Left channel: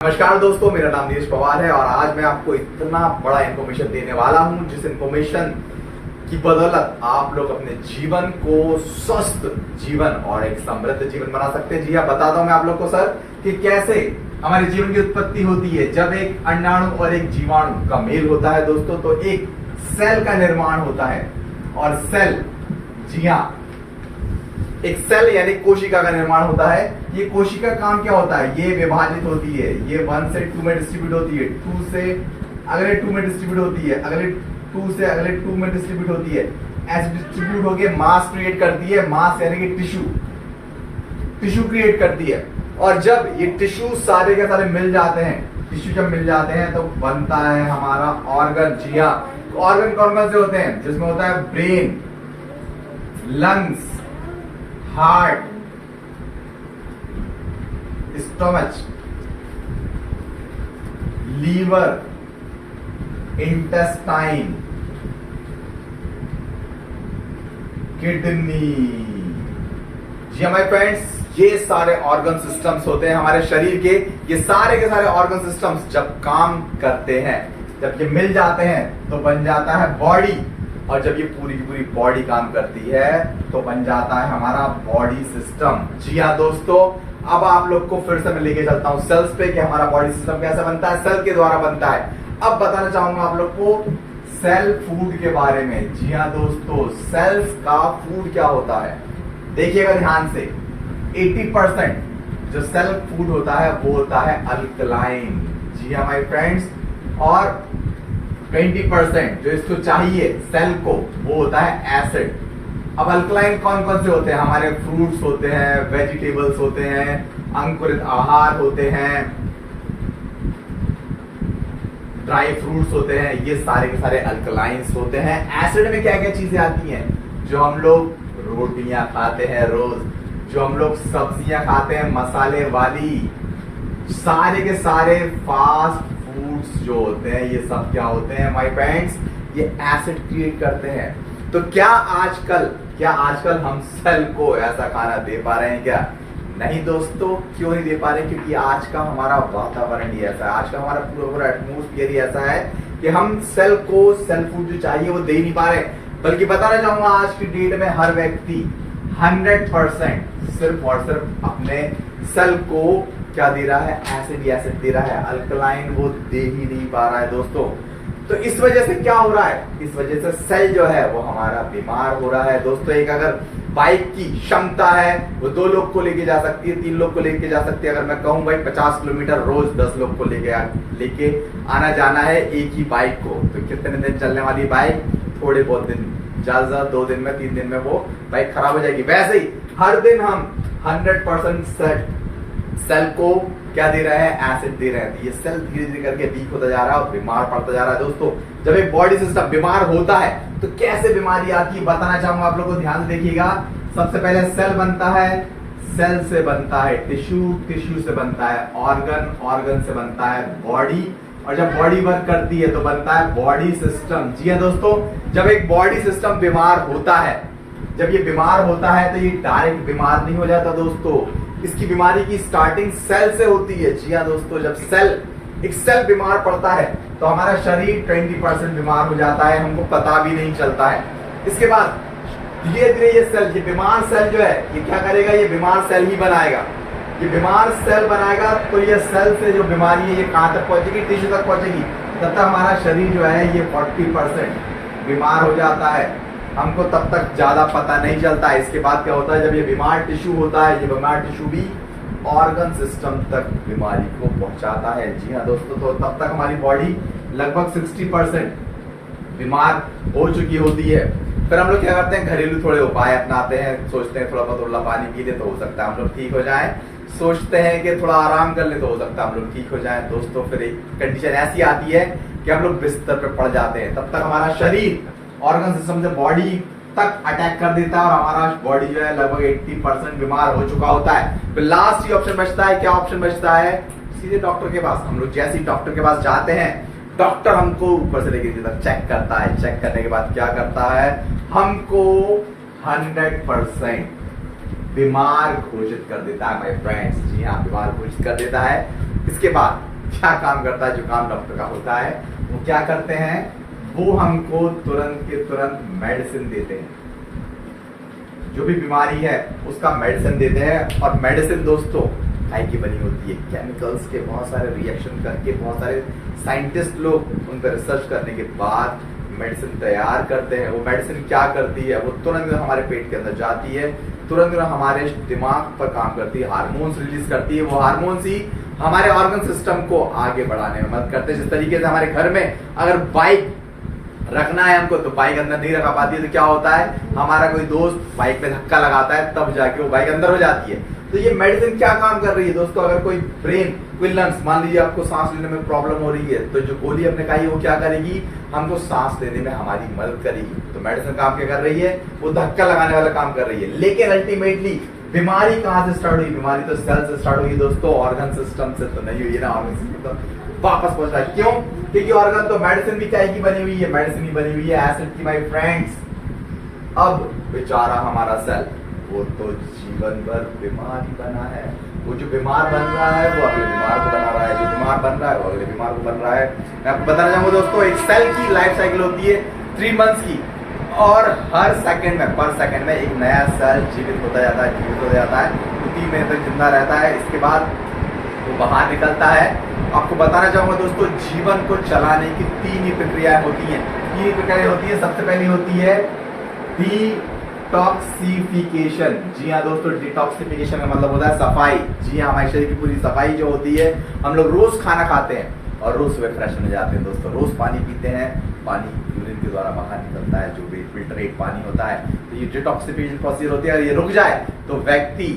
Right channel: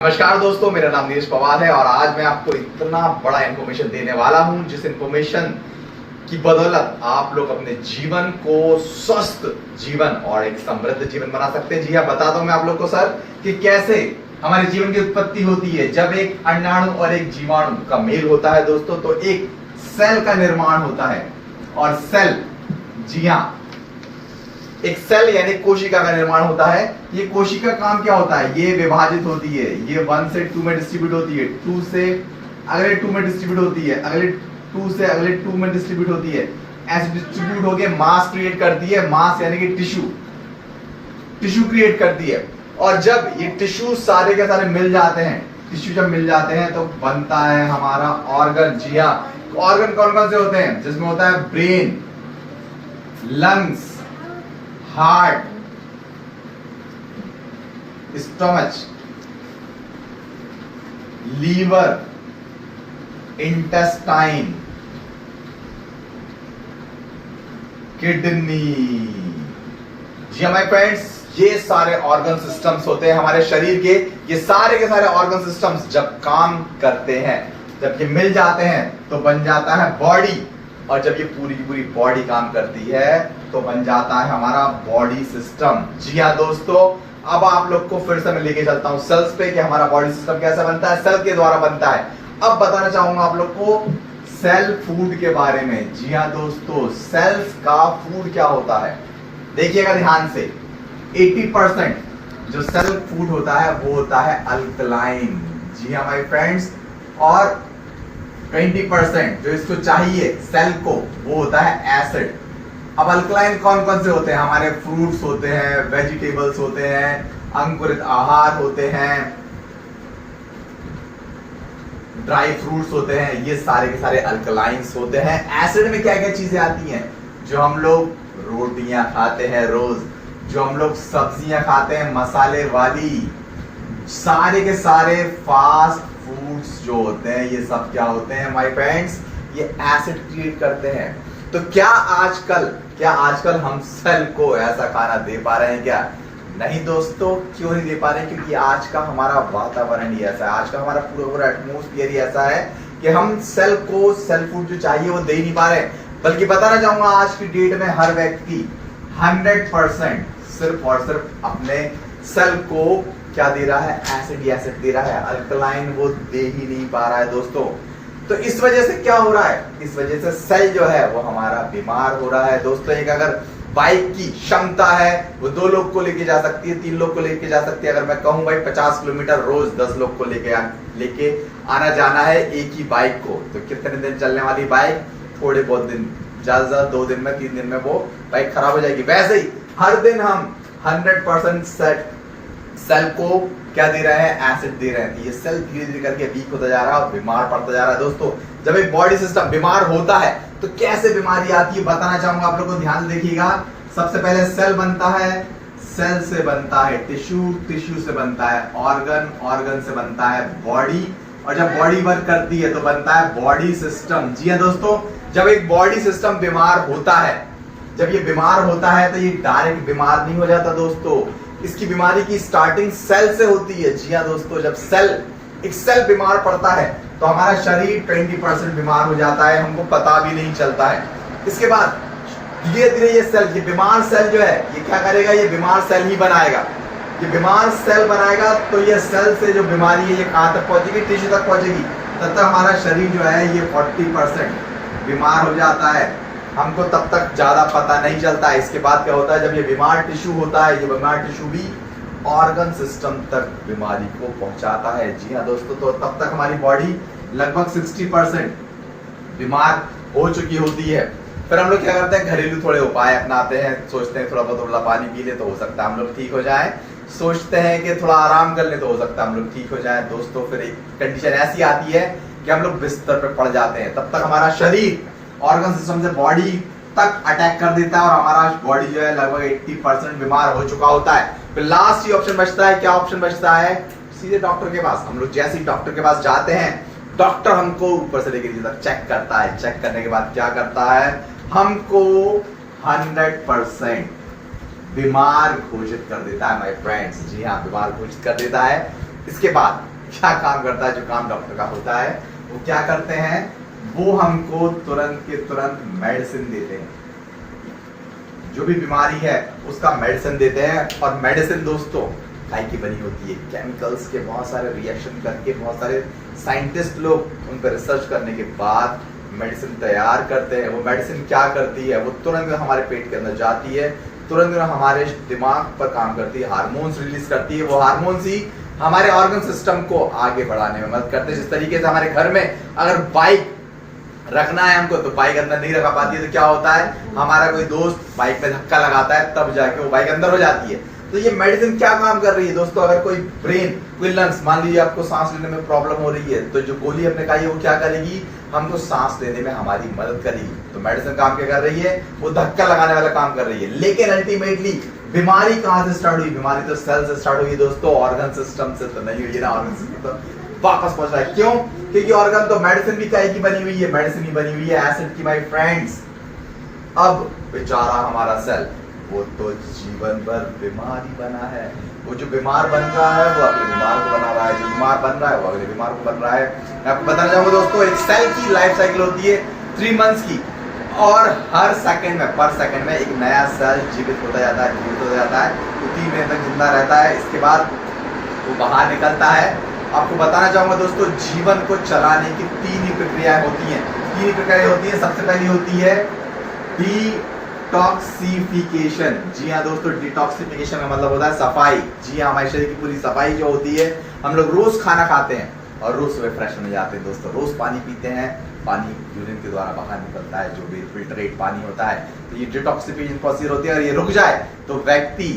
नमस्कार दोस्तों, मेरा नाम नीरज पवार है और आज मैं आपको इतना बड़ा इंफॉर्मेशन देने वाला हूं जिस इंफॉर्मेशन की बदौलत आप लोग अपने जीवन को स्वस्थ जीवन और एक समृद्ध जीवन बना सकते हैं। जी हाँ, बताता हूं मैं आप लोग को सर कि कैसे हमारे जीवन की उत्पत्ति होती है। जब एक अंडाणु और एक जीवाणु का मेल होता है दोस्तों, तो एक सेल का निर्माण होता है। और सेल, जी हाँ, एक सेल यानी कोशिका का निर्माण होता है। ये कोशिका काम क्या होता है? ये विभाजित होती है, ये 1 से 2 में डिस्ट्रीब्यूट होती है, 2 से अगले 2 में डिस्ट्रीब्यूट होती है, अगले 2 से अगले 2 में डिस्ट्रीब्यूट होती है। ऐसे डिस्ट्रीब्यूट होके मास क्रिएट करती है। मास यानी कि टिश्यू क्रिएट करती है। और जब ये टिश्यू सारे के सारे मिल जाते हैं, टिश्यू जब मिल जाते हैं तो बनता है हमारा ऑर्गन। जी हाँ, ऑर्गन कौन कौन से होते हैं? जिसमें होता है brain, lungs, heart, stomach, liver, intestine, kidney. जी हमारे फ्रेंड्स, ये सारे ऑर्गन सिस्टम्स होते हैं हमारे शरीर के। ये सारे के सारे ऑर्गन सिस्टम्स जब काम करते हैं, जब ये मिल जाते हैं तो बन जाता है बॉडी। और जब ये पूरी की पूरी बॉडी काम करती है तो बन जाता है हमारा बॉडी सिस्टम। जी हाँ दोस्तों, अब आप लोग को फिर से मैं लेके चलता हूं सेल्स पे कि हमारा बॉडी सिस्टम कैसे बनता है। सेल के द्वारा बनता है। अब बताना चाहूंगा आप लोग को सेल फूड के बारे में। जी हाँ दोस्तों, सेल्स का फूड क्या होता है देखिएगा ध्यान से। 80% जो सेल फूड होता है वो होता है अल्कलाइन। जी हाँ माय फ्रेंड्स, और 20% जो इसको चाहिए सेल को वो होता है एसिड। अब अल्कलाइन कौन कौन से होते हैं? हमारे फ्रूट्स होते हैं, वेजिटेबल्स होते हैं, अंकुरित आहार होते हैं, ड्राई फ्रूट्स होते हैं। ये सारे के सारे अल्कलाइंस होते हैं। एसिड में क्या क्या चीजें आती हैं? जो हम लोग रोटियां खाते हैं रोज, जो हम लोग सब्जियां खाते हैं मसाले वाली, सारे के सारे फास्ट फूड्स जो होते हैं, ये सब क्या होते हैं माय फ्रेंड्स? ये एसिड क्रिएट करते हैं। तो क्या आजकल हम सेल को ऐसा खाना दे पा रहे हैं क्या? नहीं दोस्तों, क्यों नहीं दे पा रहे? क्योंकि आज का हमारा वातावरण ही ऐसा है, आज का हमारा पूरा एटमोस्फियर ही ऐसा है कि हम सेल को सेल फूड जो चाहिए वो दे ही नहीं पा रहे। बल्कि बताना चाहूंगा, आज की डेट में हर व्यक्ति 100% सिर्फ और सिर्फ अपने सेल को क्या दे रहा है? एसिड दे रहा है। अल्कलाइन वो दे ही नहीं पा रहा है दोस्तों। तो इस वजह से क्या हो रहा है? इस वजह से सेल जो है वो हमारा बीमार हो रहा है दोस्तों। एक अगर बाइक की क्षमता है वो 2 लोग को लेके जा सकती है, 3 लोग को लेके जा सकती है। अगर मैं कहूं भाई 50 किलोमीटर रोज 10 लोग को लेके आना जाना है एक ही बाइक को, तो कितने दिन चलने वाली बाइक? थोड़े बहुत दिन, ज्यादा 2 दिन में 3 दिन में वो बाइक खराब हो जाएगी। वैसे ही हर दिन हम 100% सेल को क्या दे रहे हैं? एसिड दे रहे हैं। ये सेल धीरे धीरे करके वीक होता जा रहा है और बीमार पड़ता जा रहा है दोस्तों। जब एक बॉडी सिस्टम बीमार होता है तो कैसे बीमारी आती है बताना चाहूंगा आप लोग को, ध्यान देखिएगा। सबसे पहले सेल बनता है, सेल से बनता है टिश्यू, टिश्यू से बनता है ऑर्गन, ऑर्गन से बनता है बॉडी, और जब बॉडी वर्क करती है तो बनता है बॉडी सिस्टम। जी हाँ दोस्तों, जब एक बॉडी सिस्टम बीमार होता है, जब ये बीमार होता है तो ये डायरेक्ट बीमार नहीं हो जाता दोस्तों। इसकी बीमारी की स्टार्टिंग सेल से होती है। जी हाँ दोस्तों, जब एक सेल बीमार पड़ता है तो हमारा शरीर 20% बीमार हो जाता है, हमको पता भी नहीं चलता है। इसके बाद धीरे धीरे ये बीमार सेल जो है ये क्या करेगा? ये बीमार सेल ही बनाएगा। ये बीमार सेल बनाएगा तो ये सेल से जो बीमारी है ये कहां तक पहुंचेगी? टिश्यू तक पहुंचेगी। तब तक हमारा शरीर जो है ये 40% बीमार हो जाता है। हमको तब तक ज्यादा पता नहीं चलता है। इसके बाद क्या होता है? जब ये बीमार टिश्यू होता है, ये बीमार टिश्यू भी ऑर्गन सिस्टम तक बीमारी को पहुंचाता है। जी हाँ दोस्तों, तो तब तक हमारी बॉडी लगभग 60% बीमार हो चुकी होती है। फिर हम लोग क्या करते हैं? घरेलू थोड़े उपाय अपनाते हैं, सोचते हैं थोड़ा बहुत उबला पानी पी ले तो हो सकता है हम लोग ठीक हो जाए, सोचते हैं कि थोड़ा आराम कर ले तो हो सकता है हम लोग ठीक हो जाए दोस्तों। फिर एक कंडीशन ऐसी आती है कि हम लोग बिस्तर पर पड़ जाते हैं। तब तक हमारा शरीर ऑर्गन सिस्टम से बॉडी तक अटैक कर देता है और हमारा बॉडी जो है लगभग 80% बीमार हो चुका होता है। फिर लास्ट ही ऑप्शन बचता है। क्या ऑप्शन बचता है? सीधे डॉक्टर के पास। हम लोग जैसे ही डॉक्टर के पास जाते हैं, डॉक्टर हमको ऊपर से लेकर नीचे तक चेक करता है। चेक करने के बाद क्या करता है? हमको 100% बीमार घोषित कर देता है माय फ्रेंड्स। जी हाँ, बीमार घोषित कर देता है। इसके बाद क्या काम करता है? जो काम डॉक्टर का होता है वो क्या करते हैं, वो हमको तुरंत के तुरंत मेडिसिन देते हैं। जो भी बीमारी है उसका मेडिसिन देते हैं। और मेडिसिन दोस्तों काय की बनी होती है? केमिकल्स के बहुत सारे रिएक्शन करके, बहुत सारे साइंटिस्ट लोग उन पर रिसर्च करने के बाद मेडिसिन तैयार करते हैं। वो मेडिसिन क्या करती है? वो तुरंत हमारे पेट के अंदर जाती है, तुरंत हमारे दिमाग पर काम करती है, हार्मोन्स रिलीज करती है। वो हार्मोन्स ही हमारे ऑर्गन सिस्टम को आगे बढ़ाने में मदद करते हैं। जिस तरीके से हमारे घर में अगर बाइक रखना है हमको, तो बाइक अंदर नहीं रखा पाती है, तो क्या होता है, हमारा कोई दोस्त बाइक में धक्का लगाता है, तब जाके वो बाइक अंदर हो जाती है। तो ये मेडिसिन क्या काम कर रही है दोस्तों? अगर कोई ब्रेन, कोई लंग्स, मान लीजिए आपको सांस लेने में प्रॉब्लम हो रही है, तो जो गोली आपने खाई है वो क्या करेगी, हमको सांस लेने में हमारी मदद करेगी। तो मेडिसिन काम क्या कर रही है? वो धक्का लगाने वाला काम कर रही है। लेकिन अल्टीमेटली बीमारी कहां से स्टार्ट हुई? बीमारी तो सेल से स्टार्ट हुई दोस्तों, ऑर्गन सिस्टम से तो नहीं हुई है ना। ऑर्गन सिस्टम तो वापस पहुंच रहा है। क्यों? क्योंकि ऑर्गन तो मेडिसिन भी क्या की बनी हुई है? मेडिसिन ही बनी हुई है एसिड की, माय फ्रेंड्स। अब बेचारा हमारा सेल, वो तो जीवन भर बीमार ही बना है। वो जो बीमार बन रहा है वो अगले बीमार को बना रहा है, जो बीमार बन रहा है वो अगले बीमार को बन रहा है। मैं आपको बताना चाहूंगा दोस्तों, एक सेल की लाइफ साइकिल होती है 3 मंथ्स की, और हर सेकंड में, पर सेकंड में एक नया सेल जीवित होता जाता है, जीवित हो जाता है। तो 3 महीने तक जिंदा रहता है, इसके बाद वो बाहर निकलता है। आपको बताना चाहूंगा दोस्तों, जीवन को चलाने की 3 ही प्रक्रियाएं होती हैं। 3 ही प्रक्रियाएं होती है। सबसे पहली होती है डिटॉक्सिफिकेशन। जी हाँ दोस्तों, डिटॉक्सिफिकेशन का मतलब होता है सफाई। जी हाँ, हमारे शरीर की पूरी सफाई जो होती है। हम लोग रोज खाना खाते हैं और रोज सुबह फ्रेश हो जाते हैं दोस्तों। रोज पानी पीते हैं, पानी यूरिन के द्वारा बाहर निकलता है, जो भी फिल्ट्रेट पानी होता है। तो ये डिटॉक्सिफिकेशन प्रोसीजर होती है, और ये रुक जाए तो व्यक्ति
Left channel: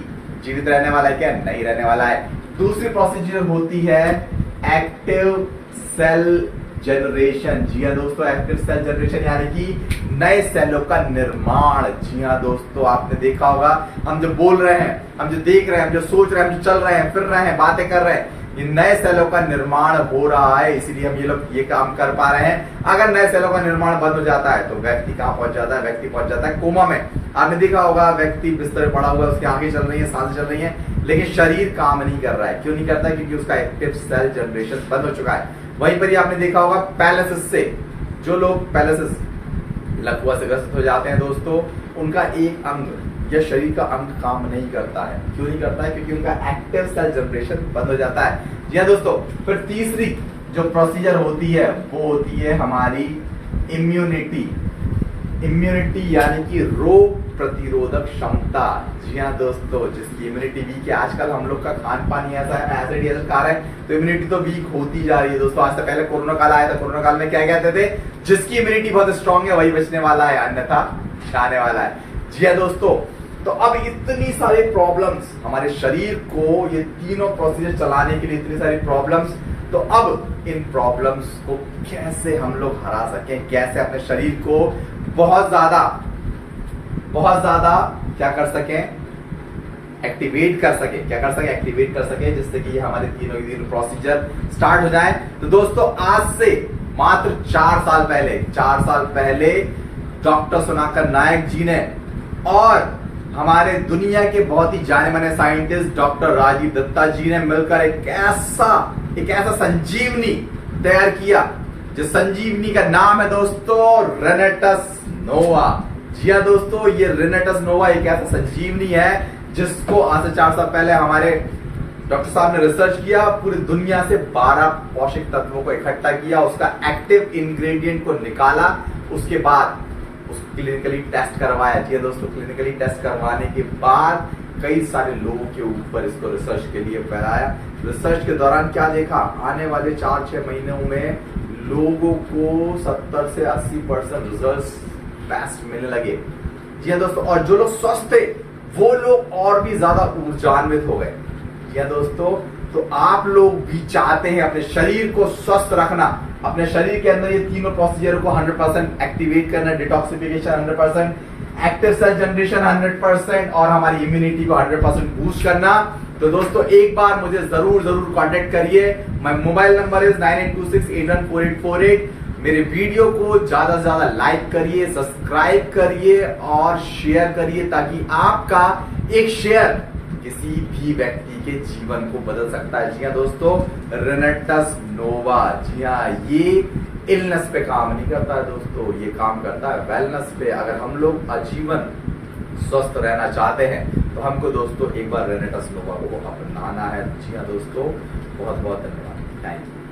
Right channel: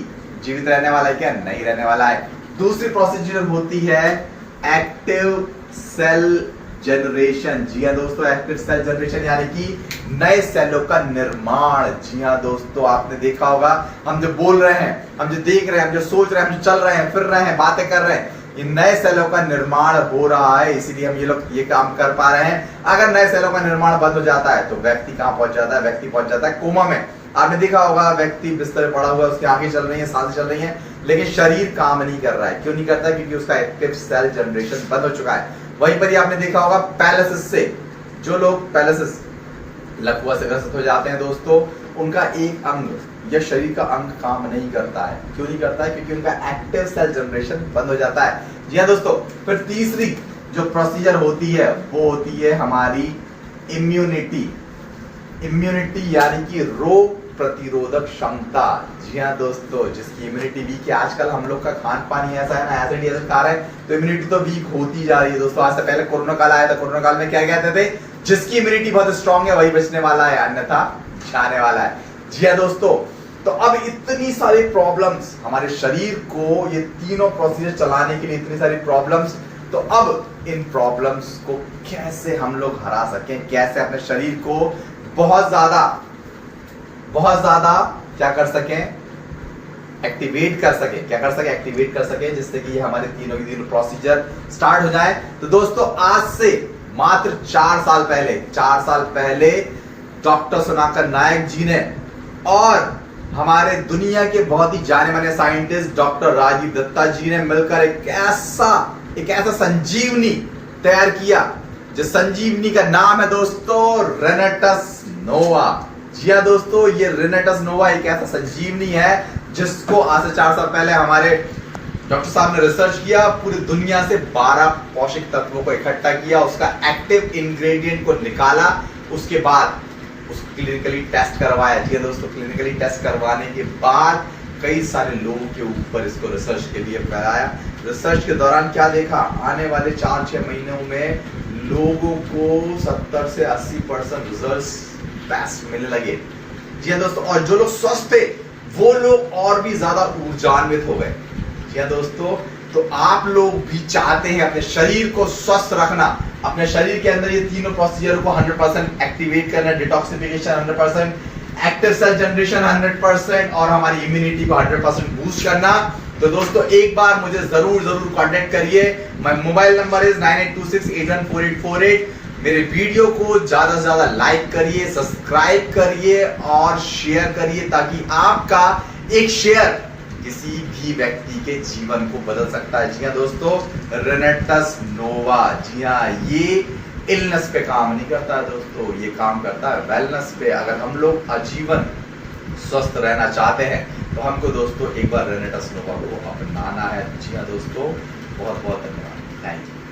जीवित रहने वाला है क्या? नहीं रहने वाला है। दूसरी प्रोसीजर होती है एक्टिव सेल जनरेशन। जी हाँ दोस्तों, एक्टिव सेल जनरेशन यानी कि नए सेलों का निर्माण। जी हाँ दोस्तों, आपने देखा होगा, हम जो बोल रहे हैं, हम जो देख रहे हैं, हम जो सोच रहे हैं, हम जो चल रहे हैं, फिर रहे हैं, बातें कर रहे हैं, ये नए सेलों का निर्माण हो रहा है, इसीलिए हम ये लोग ये काम कर पा रहे हैं। अगर नए सेलों का निर्माण बंद हो जाता है तो व्यक्ति कहां पहुंच जाता है? व्यक्ति पहुंच जाता है कोमा में। आपने देखा होगा, व्यक्ति बिस्तर पड़ा हुआ है, उसकी आंखें चल रही है, सांसें चल रही है, लेकिन शरीर काम नहीं कर रहा है। क्यों नहीं करता? क्योंकि उसका एक्टिव सेल जनरेशन बंद हो चुका है। वहीं पर ही आपने देखा होगा पैरालिसिस से, जो लोग पैरालिसिस, लकवा से ग्रसित हो जाते हैं दोस्तों, उनका एक अंग या शरीर का अंग काम नहीं करता है। क्यों नहीं करता है? क्योंकि उनका एक्टिव सेल जनरेशन बंद हो जाता है। जी हाँ दोस्तों, फिर तीसरी जो प्रोसीजर होती है वो होती है हमारी इम्यूनिटी। इम्यूनिटी यानी कि रोग प्रतिरोधक क्षमता। जी हाँ दोस्तों, जिसकी इम्यूनिटी वीक है, आजकल हम लोग का खान पान ही ऐसा है ना, एसिड एसिड खा रहे हैं, तो इम्यूनिटी तो वीक होती जा रही है दोस्तों। आज से पहले कोरोना काल आया था, कोरोना काल में क्या कहते थे? जिसकी इम्यूनिटी बहुत स्ट्रांग है वही बचने वाला है, अन्यथा जाने वाला है। जी हाँ दोस्तों, तो अब इतनी सारी प्रॉब्लम्स हमारे शरीर को, ये तीनों प्रोसीजर चलाने के लिए इतनी सारी प्रॉब्लम्स, तो अब इन प्रॉब्लम्स को कैसे हम लोग हरा सकें, कैसे अपने शरीर को बहुत ज्यादा क्या कर सकें, एक्टिवेट कर सके, क्या कर सके, एक्टिवेट कर सके, जिससे कि ये हमारे तीनों प्रोसीजर स्टार्ट हो जाए। तो दोस्तों, आज से मात्र 4 साल पहले डॉक्टर सुनाकर नायक जी ने और हमारे दुनिया के बहुत ही जाने माने साइंटिस्ट डॉक्टर राजीव दत्ता जी ने मिलकर एक ऐसा संजीवनी तैयार किया, जिस संजीवनी का नाम है दोस्तों रेनेटस नोवा। जी हाँ दोस्तों, ये रेनेटस नोवा एक ऐसा संजीवनी है जिसको आज से 4 साल पहले हमारे डॉक्टर साहब ने रिसर्च किया, पूरी दुनिया से 12 पोषक तत्वों को इकट्ठा किया, उसका एक्टिव इंग्रेडिएंट को निकाला, उसके बाद उसको क्लिनिकली टेस्ट करवाया। जी दोस्तों, क्लिनिकली टेस्ट करवाने के बाद कई सारे लोगों के ऊपर इसको रिसर्च के लिए फैलाया। रिसर्च के दौरान क्या देखा, आने वाले 4-6 महीनों में लोगों को 70 से 80% रिजल्ट्स बेस्ट मिलने लगे। जी हाँ दोस्तों, और जो लोग स्वस्थ थे वो लोग और भी ज्यादा ऊर्जान्वित हो गए। जी हाँ दोस्तों, तो आप लोग भी चाहते हैं अपने शरीर को स्वस्थ रखना, अपने शरीर के अंदर ये तीनों प्रोसीजर को 100% एक्टिवेट करना, डिटॉक्सिफिकेशन 100%, एक्टिव सेल जनरेशन 100% और हमारी इम्यूनिटी को 100% बूस्ट करना। तो दोस्तों, एक बार मुझे जरूर कांटेक्ट करिए। My mobile number is 9826814848। मेरे वीडियो को ज्यादा से ज्यादा लाइक करिए, सब्सक्राइब करिए और शेयर करिए, ताकि आपका एक शेयर किसी भी व्यक्ति के जीवन को बदल सकता है। जी हाँ दोस्तों, रेनेटस नोवा, जी हाँ, ये इलनेस पे काम नहीं करता है दोस्तों, ये काम करता है वेलनेस पे। अगर हम लोग आजीवन स्वस्थ रहना चाहते हैं तो हमको दोस्तों एक बार रेनेटस नोवा को अपनाना है। जी हाँ दोस्तों, बहुत बहुत धन्यवाद, थैंक यू।